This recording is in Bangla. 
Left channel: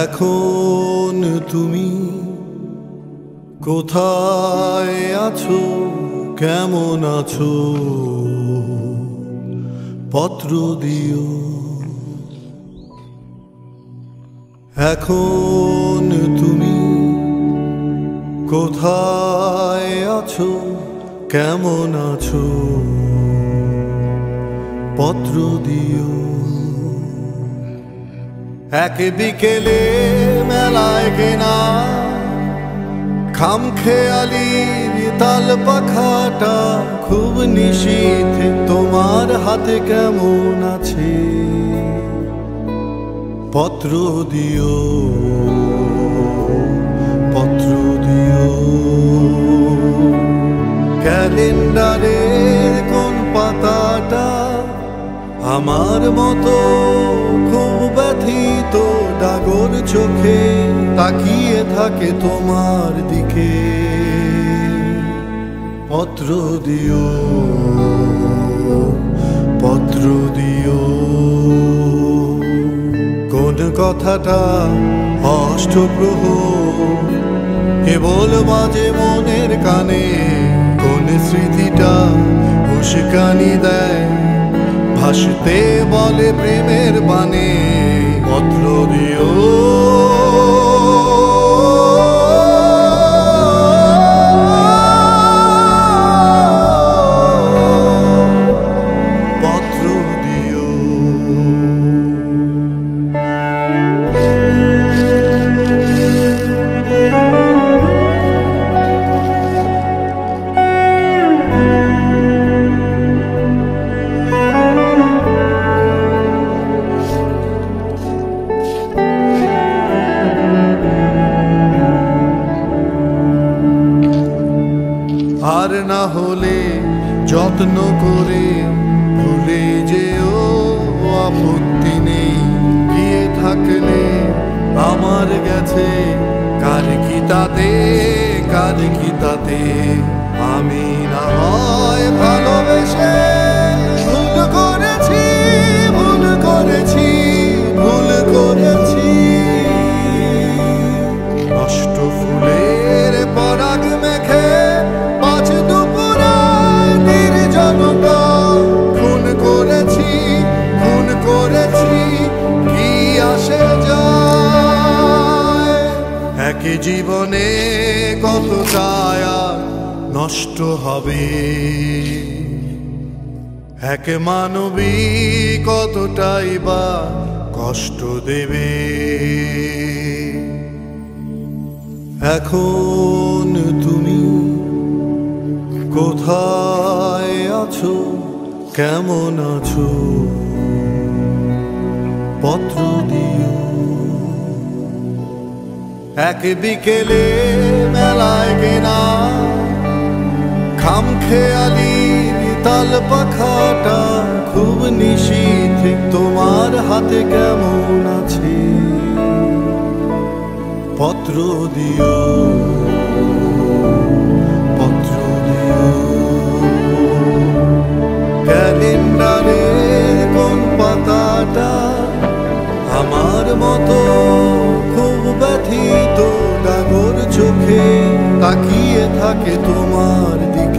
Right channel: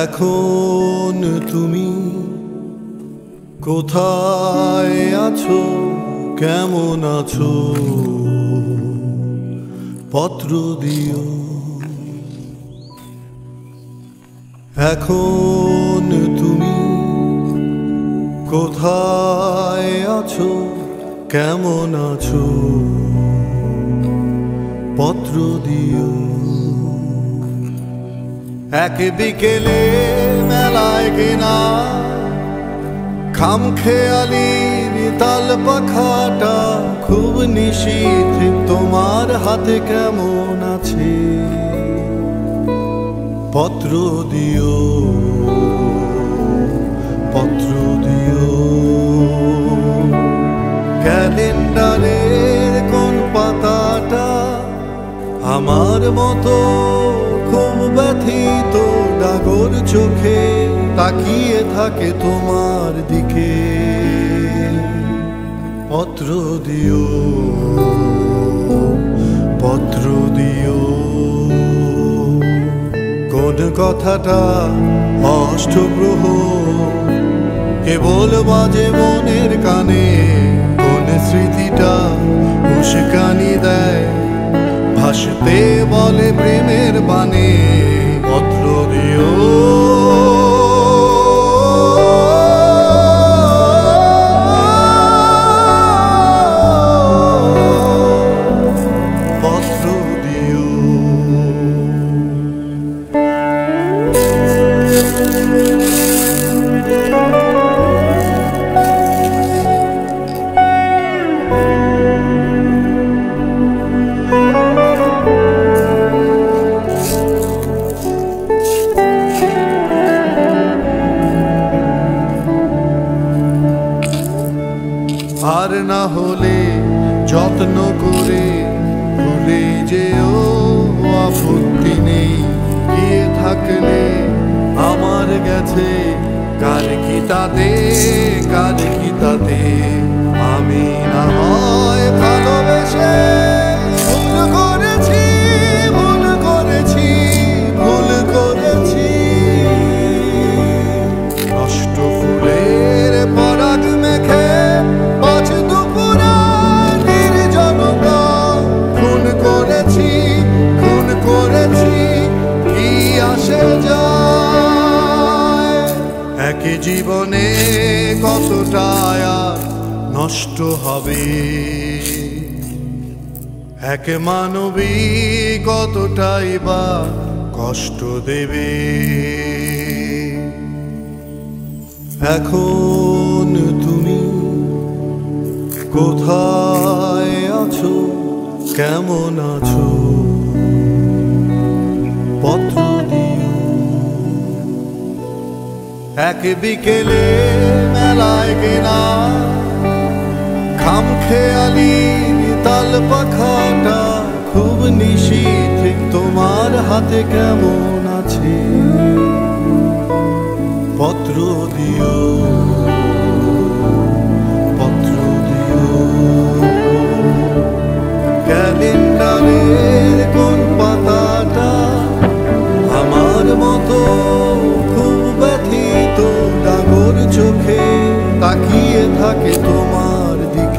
এখন তুমি কোথায় আছো, কেমন আছো, পত্র দিও। এখন তুমি কোথায় আছো, কেমন আছো, পত্র দিও। এক বিকেলে মেলায় কেনা খামখেয়ালির তাল পাখাটা খুব নিশীথ তোমার হাতে কেমন আছে, পত্র দিও, পত্র দিও। ক্যালেন্ডারের কোন পাতাটা আমার মতো খুব ব্যথিত ডাগর চোখে তাকিয়ে থাকে তোমার দিকে, পত্র দিও, পত্র দিও। কোন কথাটা অষ্টপ্রহর কেবল বাজে মনের কানে, কোন স্মৃতিটা উস্কানি দেয় ভাসতে বলে প্রেমের বানে, পত্র দিও, পত্র দিও। আর না হলে যত্ন করে ভুলে যেও, আপত্তি নেই। গিয়ে থাকলে আমার গেছে কার কি তাতে, কার কি তাতে। আমি না হয় ভালোবেসে ভুল করেছি, ভুল করেছি, ভুল করেছি। নষ্ট ফুলের পরাগ মেখে পাঁচ দুপুরার নির্জনতা খুন করেছি, খুন করেছি। কি আসে যায় একই জীবনে, কতটা আর নষ্ট হবে এক মানবী, কতটাই বা কষ্ট দেবে। এখন তুমি কোথায় আছো, কেমন আছো, পত্র দিও। এক বিকেলে মেলায় কেনা খামখেয়ালির তাল পাখাটা খুব নিশীথ তোমার হাতে কেমন আছে, পত্র দিও, পত্র দিও। ক্যালেন্ডারের কোন পাতাটা আমার মতো খুব ব্যথিত ডাগর চোখে তাকিয়ে থাকে তোমার দিকে।